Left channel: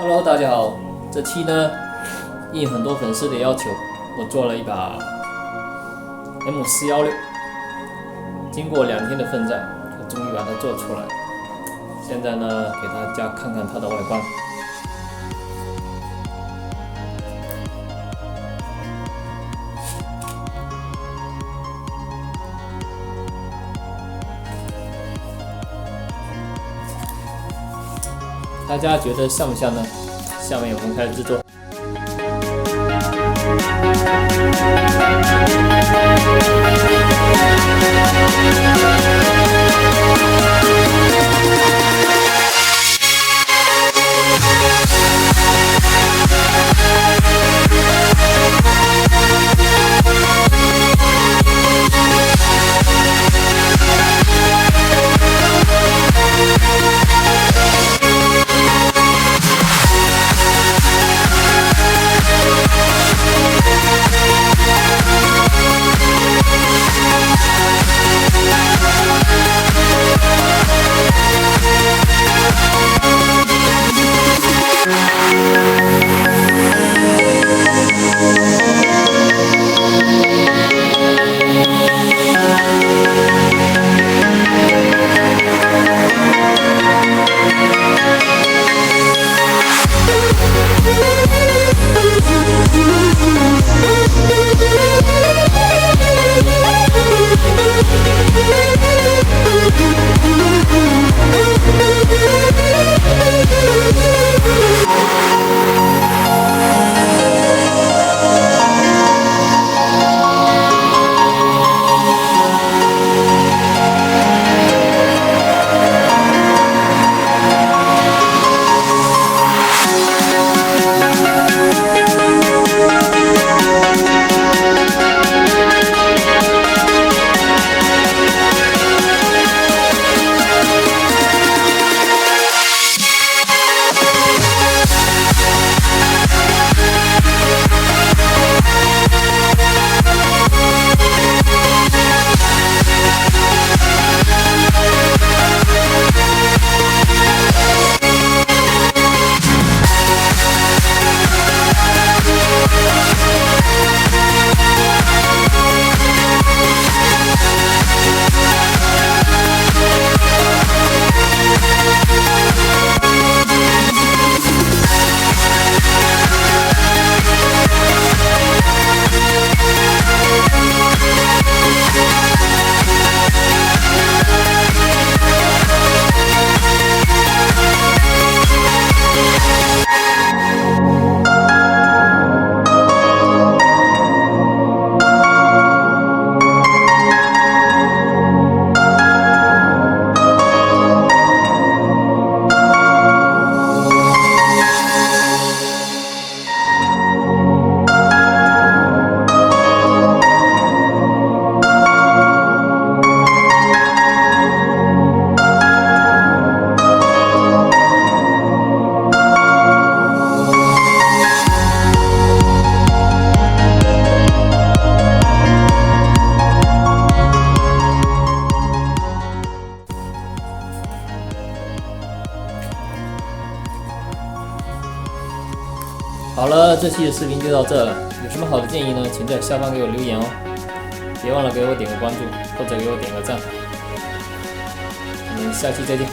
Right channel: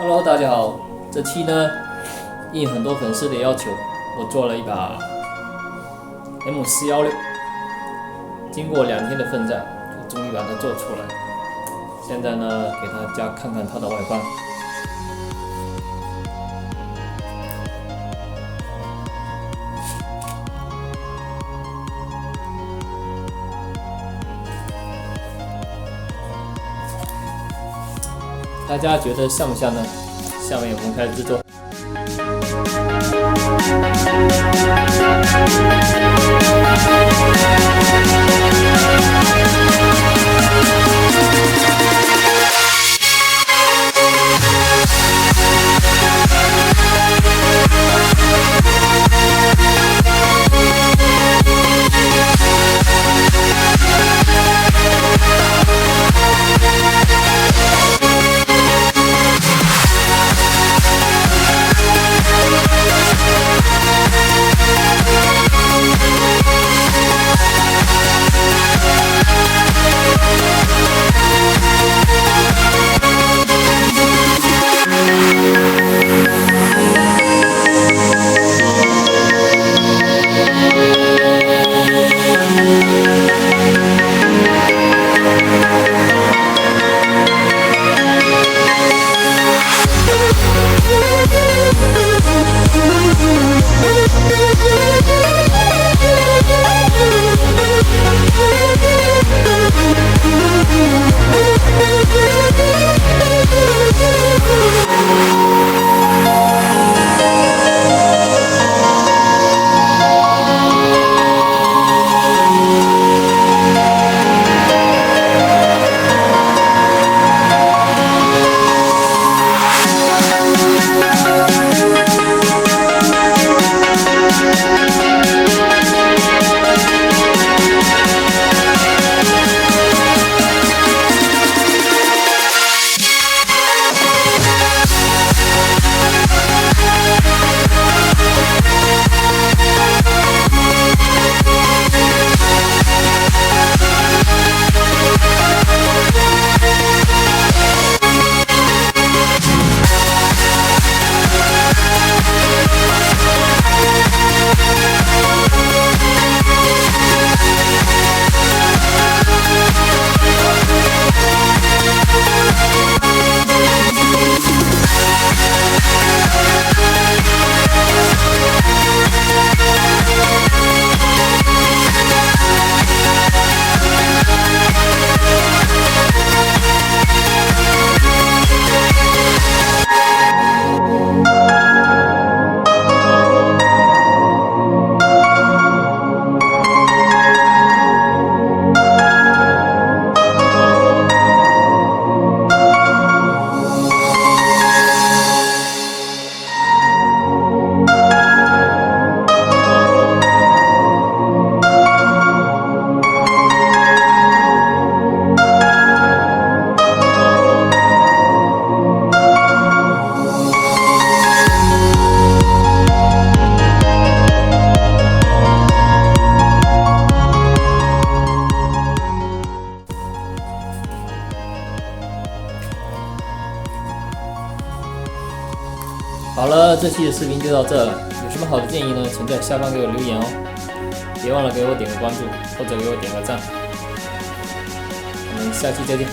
Hello， 大家好。这期呢，应很多粉丝的要求，我做了一把 M416。经过2天的奋战，我终于把它做出来。现在呢，给大家看看它的外观。大家觉得像不像呢？下面我们开始制作。好了，这期的视频就到这了。有什么好的建议呢？请在下方给我留言哦。别忘了给我点个关注，或者给我点个赞。我们下期再见。